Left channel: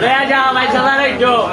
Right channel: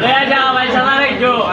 લઈ આજા ભાઈ સવારે જો